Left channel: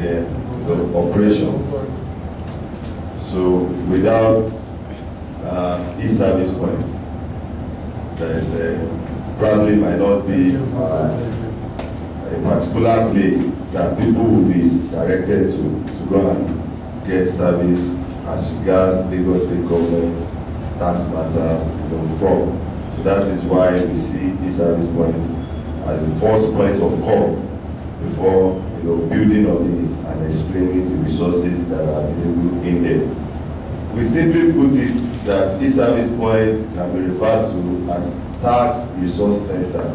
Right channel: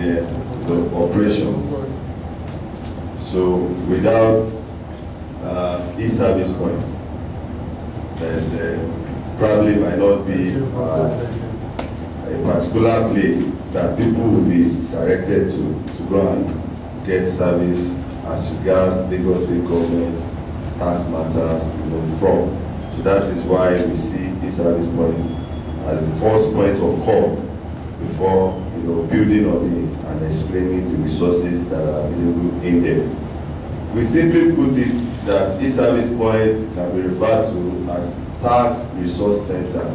their operations. So without e-service points, there's probably might not be a particular place that people will be directed to go and get service as regards Lagos State government tax matters, from. So that is why we see e-service point as the first point of call before building on it and explaining the resources that are available in there. We simply put it that e-service point can be referred to as tax resource center.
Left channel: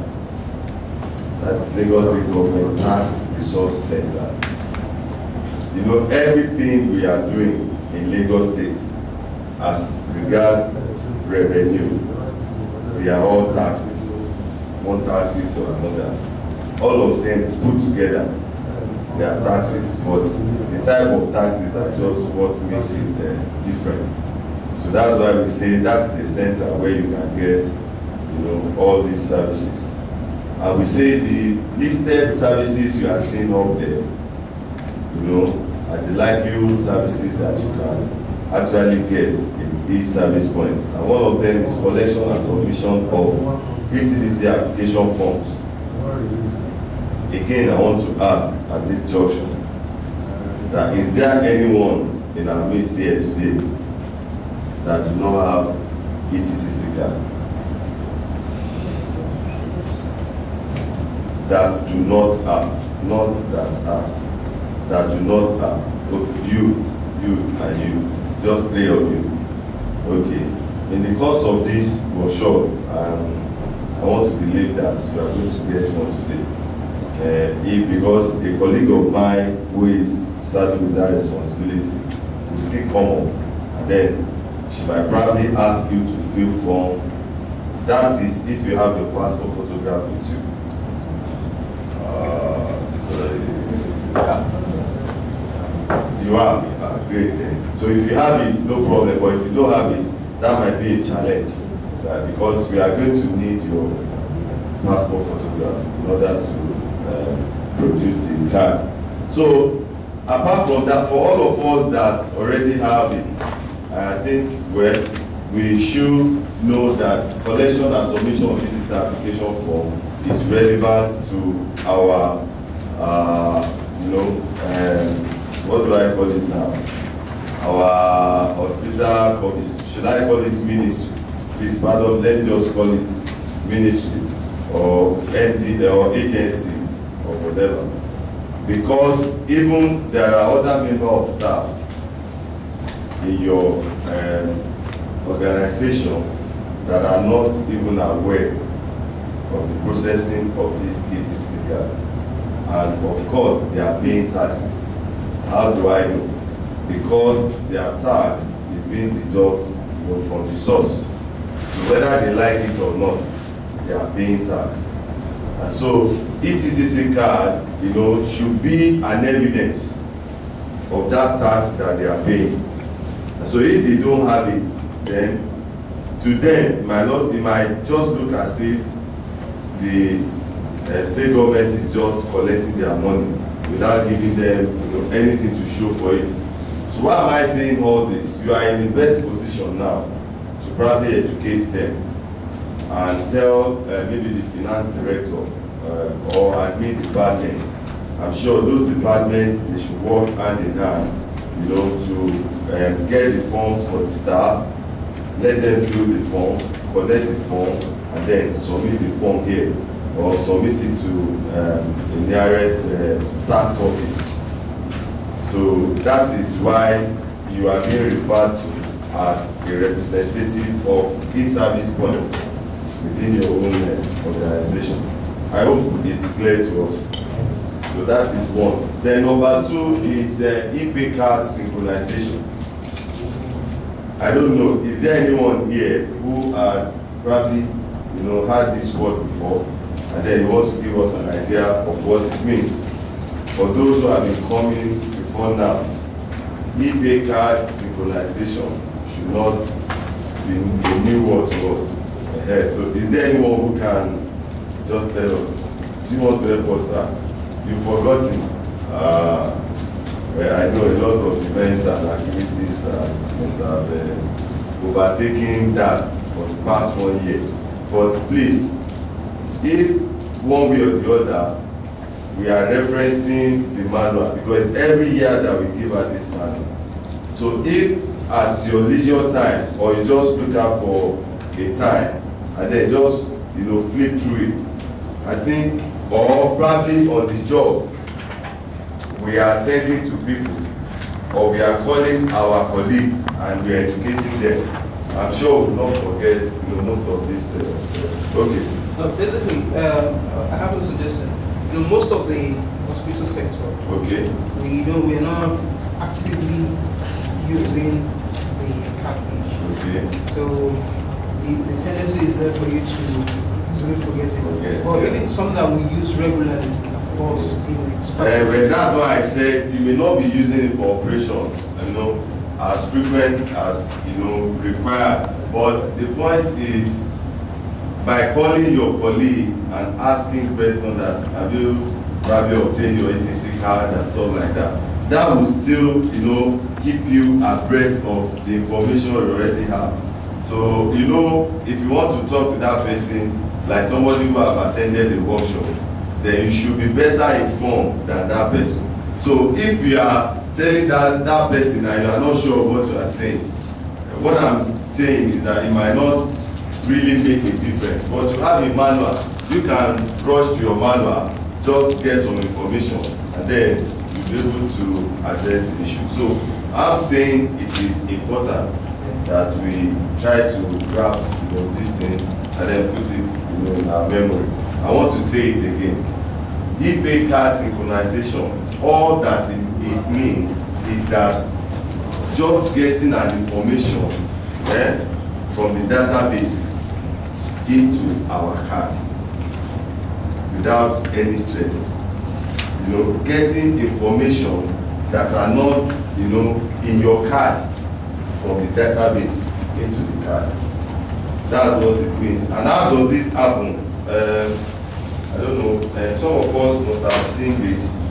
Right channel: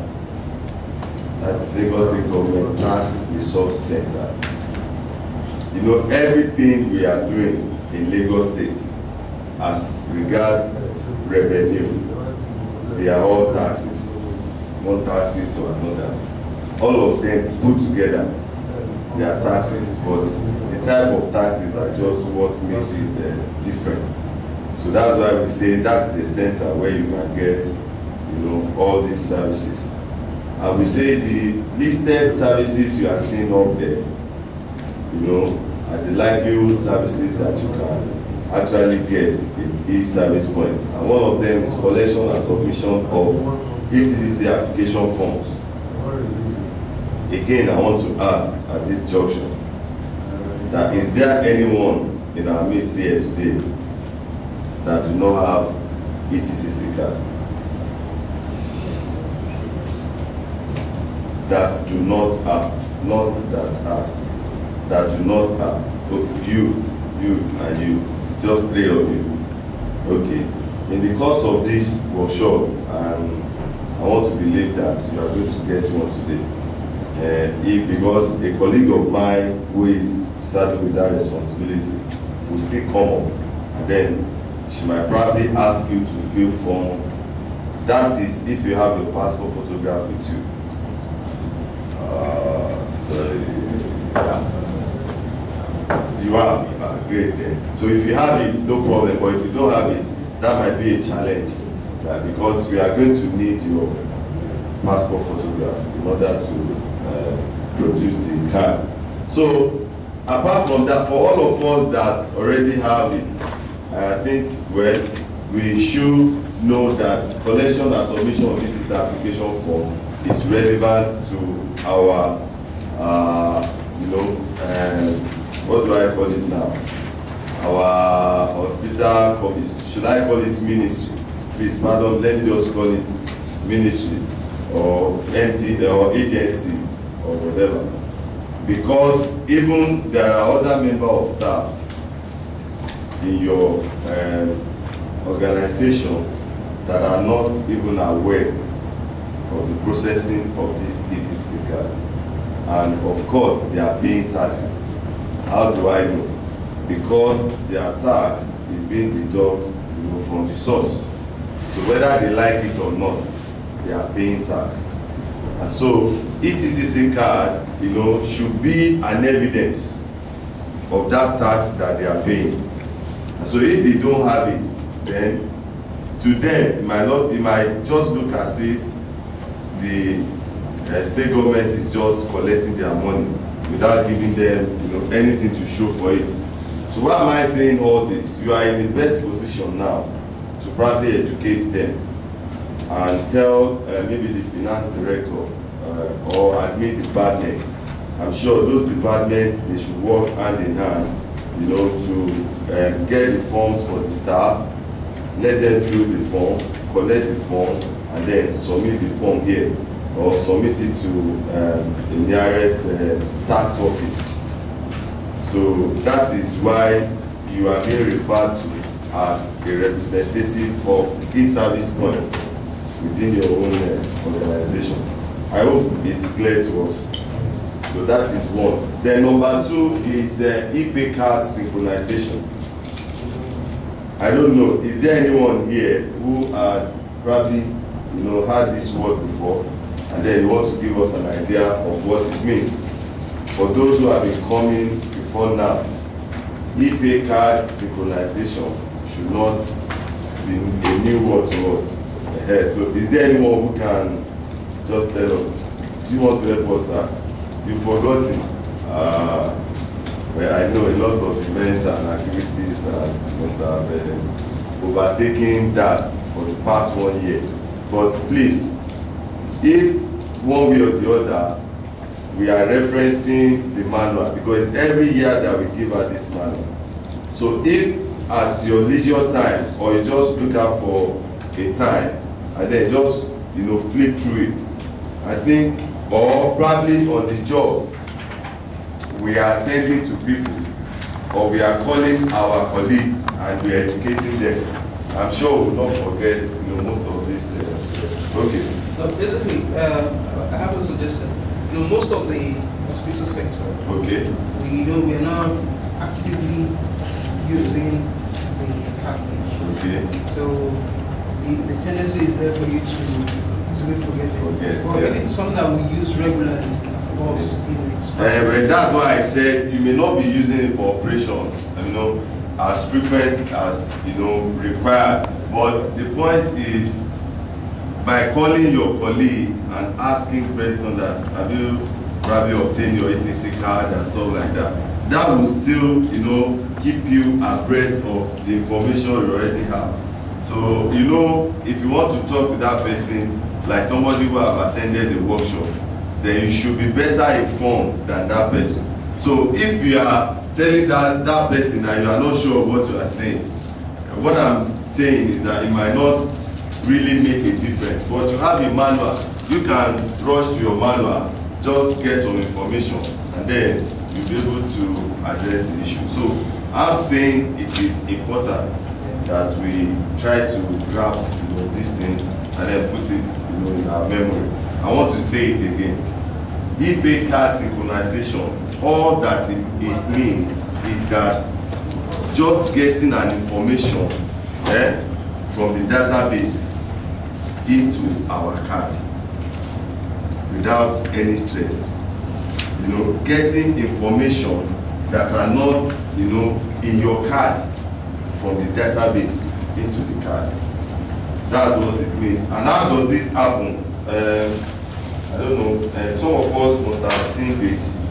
That is Lagos State government tax resource center. Everything we are doing in Lagos State as regards revenue, they are all taxes, one taxes or another. All of them put together, they are taxes, but the type of taxes are just what makes it different. So that's why we say that is a center where you can get, all these services. And we say the listed services you are seeing up there, are the likelihood services that you can actually get in e-service points. And one of them is collection and submission of ETCC application forms. Again, I want to ask at this junction that is there anyone in our midst here today that do not have ETCC card? That do not have, not that has, that do not have. You and you, just three of you. Okay. In the course of this workshop, I want to believe that you are going to get one today. Because a colleague of mine who is saddled with that responsibility will still come up, and then she might probably ask you to fill form. That is if you have your passport photograph with you. Yeah. You have, great then. So if you have it, no problem, but if you don't have it, that might be a challenge, because we are going to need your passport photograph in order to produce the card. So apart from that, for all of us that already have it, I think we should know that collection and submission of this application form is relevant to our, what do I call it now? Our hospital, should I call it ministry? Please, pardon, let me just call it ministry or MD or agency or whatever. Because even there are other members of staff in your organization that are not even aware of the processing of this ETC card. And of course, they are paying taxes. How do I know? Because their tax is being deducted from the source. So whether they like it or not, they are paying tax. And so ETCC card, should be an evidence of that tax that they are paying. And so if they don't have it, then to them it might just look as if the state government is just collecting their money without giving them anything to show for it. So why am I saying all this? You are in the best position now to probably educate them and tell maybe the finance director or admin department. I'm sure those departments, they should work hand in hand, to get the forms for the staff, let them fill the form, collect the form, and then submit the form here, or submit it to the nearest tax office. So that is why you are being referred to as a representative of e-service point within your own organization. I hope it's clear to us. So that is one. Then number two is e-pay card synchronization. I don't know, is there anyone here who had probably had this word before, and then you want to give us an idea of what it means? For those who have been coming before now, e-pay card synchronization should not be a new word to us. So is there anyone who can just tell us? Do you want to help us, sir? You've forgotten. I know a lot of events and activities must have overtaken that for the past 1 year. But please, if one way or the other, we are referencing the manual, because every year that we give out this manual. So if at your leisure time, or you just look out for a time, and then just, flip through it, I think, or probably on the job, we are attending to people, or we are calling our colleagues and we are educating them. I'm sure we will not forget, most of this. Okay. Basically, I have a suggestion. Most of the hospital sector, okay, we are not actively using the package. Okay. So the tendency is there for you to easily forget it. Well, if it's something that we use regularly, of course, it's but that's why I said you may not be using it for operations, as frequent as required. But the point is, by calling your colleague and asking questions that have you probably obtained your ATC card and stuff like that, that will still keep you abreast of the information you already have. So if you want to talk to that person like somebody who have attended a workshop, then you should be better informed than that person. So if you are telling that person and you are not sure of what you are saying, what I'm saying is that it might not really make a difference. But you have a manual, you can rush to your manual, just get some information, and then you'll be able to address the issue. So I'm saying it is important that we try to grasp these things and then put it in our memory. I want to say it again. E-pay card synchronization, all that it means is that just getting an information from the database into our card without any stress. Getting information that are not in your card from the database into the card. That's what it means. And how does it happen? I don't know, some of us must have seen this.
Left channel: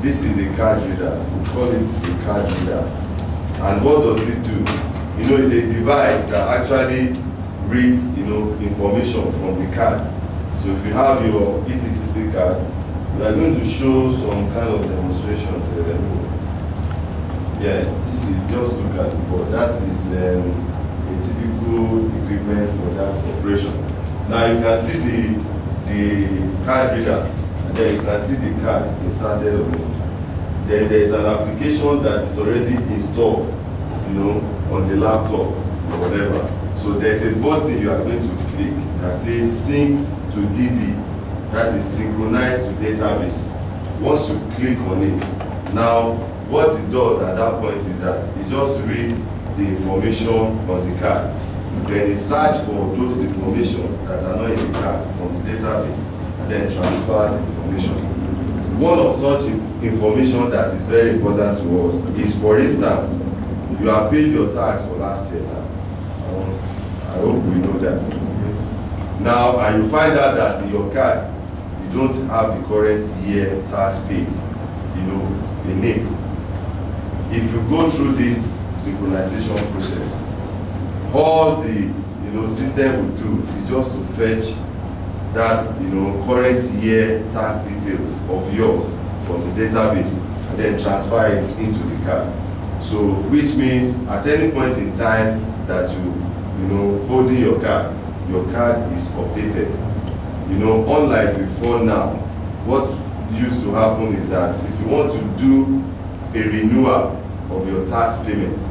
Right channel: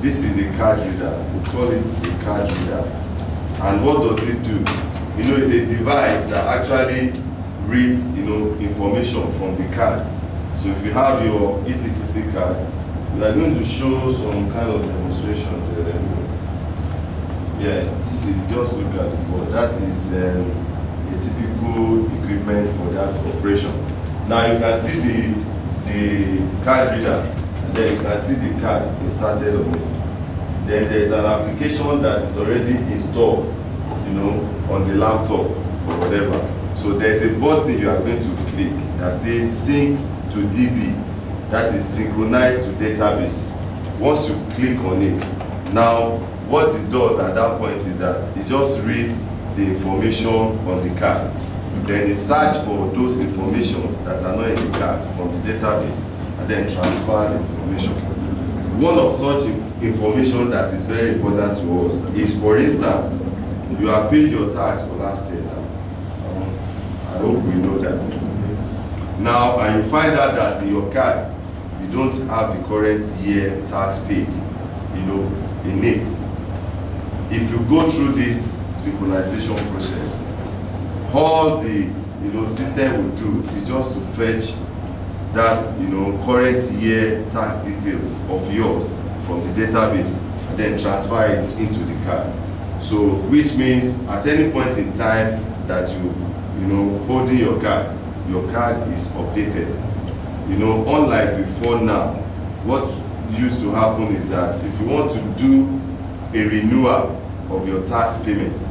This is a card reader. We call it a card reader. And what does it do? It's a device that actually reads information from the card. So if you have your ETCC card, we are going to show some kind of demonstration. Yeah, this is, just look at the board. That is a typical equipment for that operation. Now you can see the card reader, and then you can see the card inserted on it. Then there is an application that is already installed, on the laptop or whatever. So there's a button you are going to click that says sync to DB, that is synchronized to database. Once you click on it, now what it does at that point is that it just reads the information on the card. Then it search for those information that are not in the card from the database, and then transfer the information. One of such information that is very important to us is, for instance, you have paid your tax for last year now. I hope we know that. Now, and you find out that in your card, you don't have the current year tax paid, in it. If you go through this synchronization process, all the system will do is just to fetch that current year tax details of yours from the database and then transfer it into the card. So which means at any point in time that you holding your card is updated. Unlike before now, what used to happen is that if you want to do a renewal of your tax payment,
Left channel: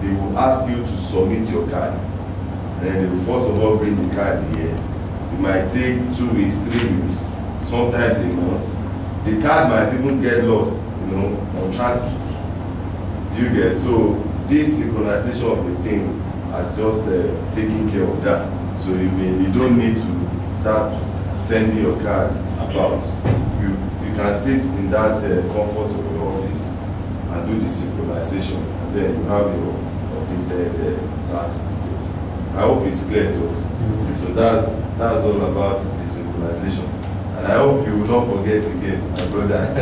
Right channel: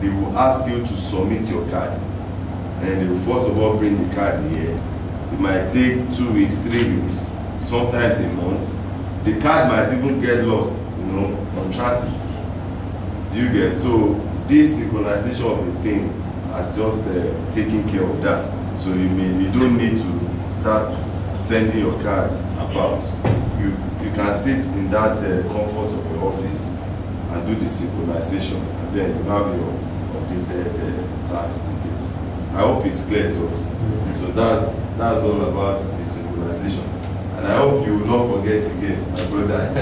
they will ask you to submit your card, and then they will first of all bring the card here. It might take 2 weeks, 3 weeks, sometimes a month. The card might even get lost, on transit. Do you get? So this synchronization of the thing has just taken care of that. So you don't need to start sending your card about. You can sit in that comfort of your office and do the synchronization, and then you have your updated tax details. I hope it's clear to us. So that's all about the synchronization, and I hope you will not forget again, my brother.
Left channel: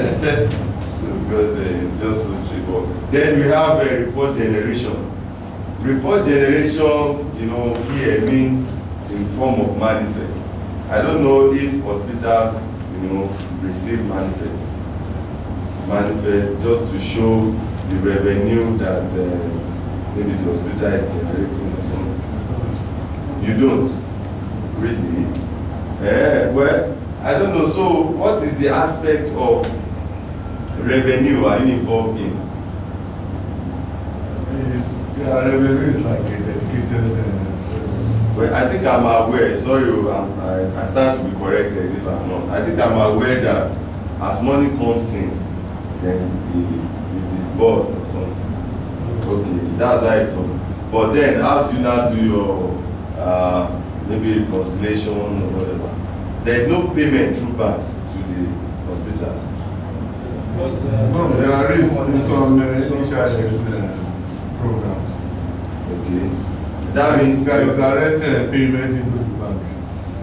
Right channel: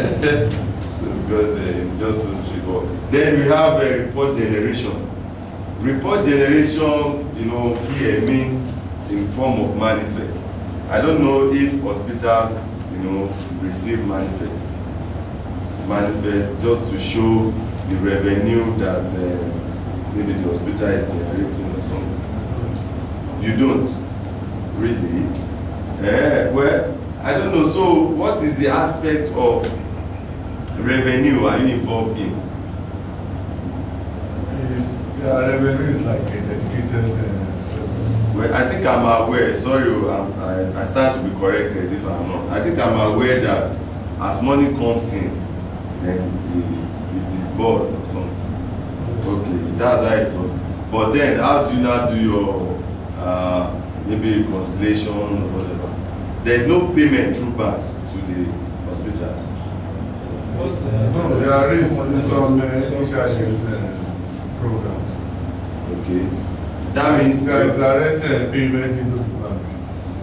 So because it's just so straightforward. Then we have report generation. Report generation, you know, here means in form of manifest. I don't know if hospitals, you know, receive manifests just to show the revenue that maybe the hospital is generating or something. You don't? Really? Well, I don't know. So what is the aspect of revenue are you involved in? Yeah, revenue is like a dedicated... Well, I think I'm aware, sorry, I stand to be corrected if I'm not. I think I'm aware that as money comes in, then it's disbursed or something. Okay, that's how it's on. But then, how do you now do your maybe reconciliation or whatever? There's no payment through banks to the hospitals. No, there is some insurance programs. Okay. That means there is direct payment into the bank.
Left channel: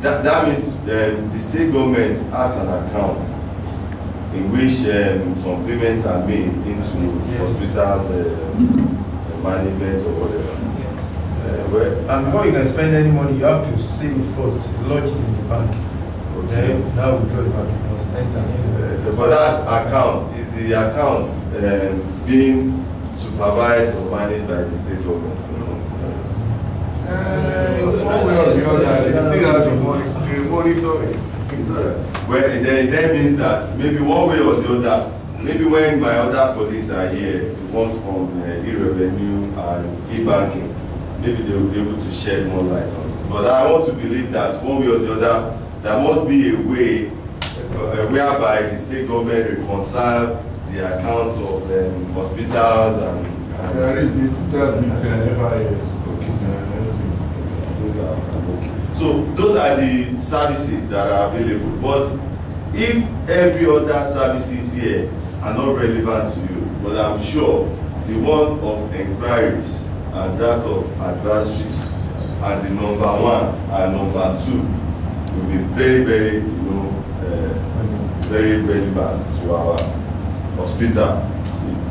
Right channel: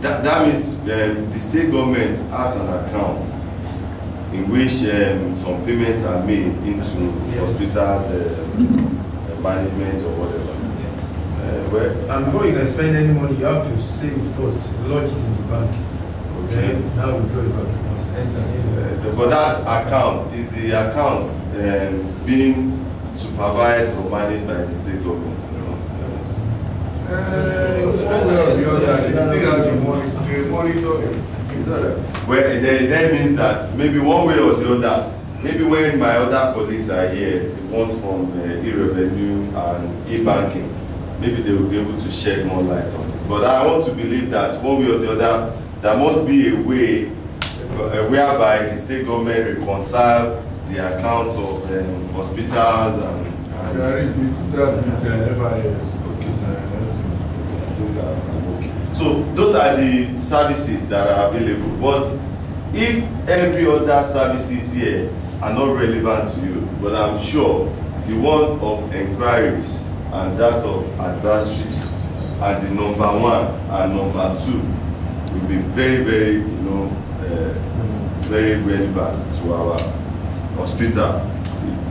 That means the state government has an account in which some payments are made into hospitals management or whatever. Well, and before you can spend any money, you have to save it first, lodge it in the bank. Okay. Now withdraw the bank, you must enter in. But that account, is the account being supervised or managed by the state government or something? One way or the other, they still have to monitor it. Well, that means that maybe one way or the other, maybe when my other colleagues are here, the ones from e-revenue and e-banking, maybe they will be able to shed more light on it. But I want to believe that one way or the other, there must be a way whereby the state government reconcile the accounts of hospitals and there is that with FIS. Okay. So those are the services that are available. But if every other services here are not relevant to you, but I'm sure the one of inquiries and that of adversaries and the number 1 and number 2 will be very, very, you know, very relevant to our hospital.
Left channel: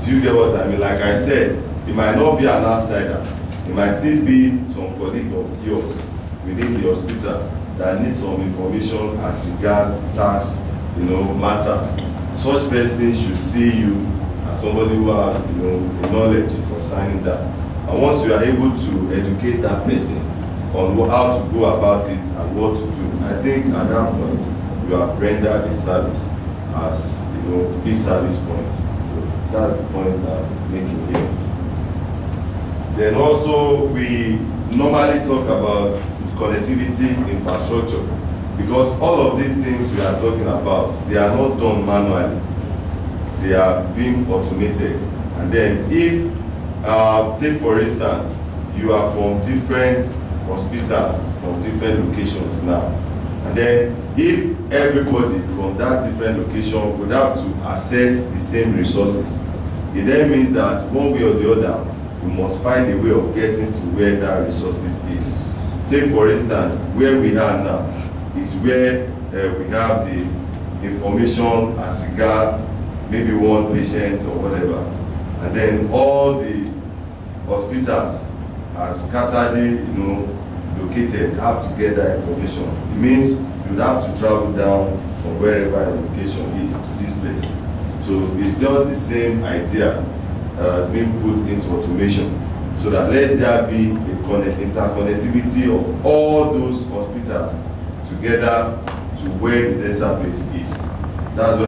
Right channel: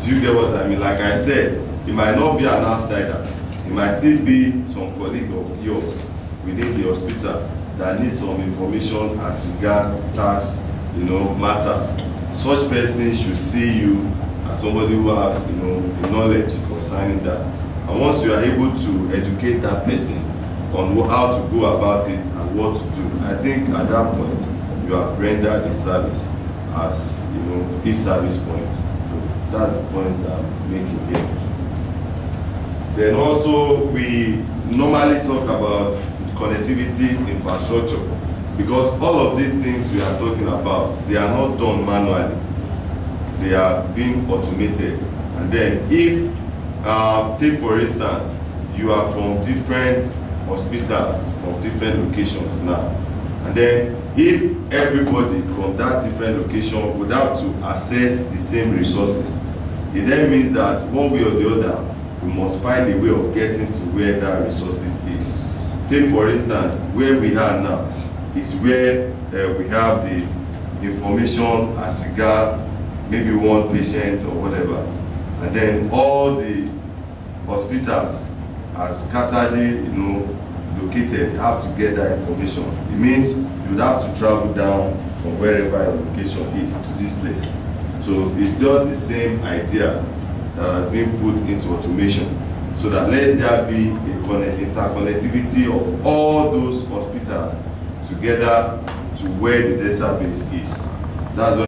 Do you get what I mean? Like I said, it might not be an outsider. It might still be some colleague of yours within the hospital that needs some information as regards tax, you know, matters. Such person should see you as somebody who have, you know, knowledge concerning that. And once you are able to educate that person on how to go about it and what to do, I think at that point you have rendered a service as, you know, his service point. So that's the point I'm making here. Then also we normally talk about connectivity infrastructure, because all of these things we are talking about, they are not done manually. They are being automated. And then if, take for instance, you are from different hospitals, from different locations now, and then if everybody from that different location would have to access the same resources, it then means that one way or the other, we must find a way of getting to where that resources is. Take for instance, where we are now is where we have the information as regards maybe one patient or whatever, and then all the hospitals are scattered, you know, located, have to get that information. It means you would have to travel down from wherever your location is to this place. So it's just the same idea that has been put into automation, so that let there be a interconnectivity of all those hospitals together to where the database is. That's what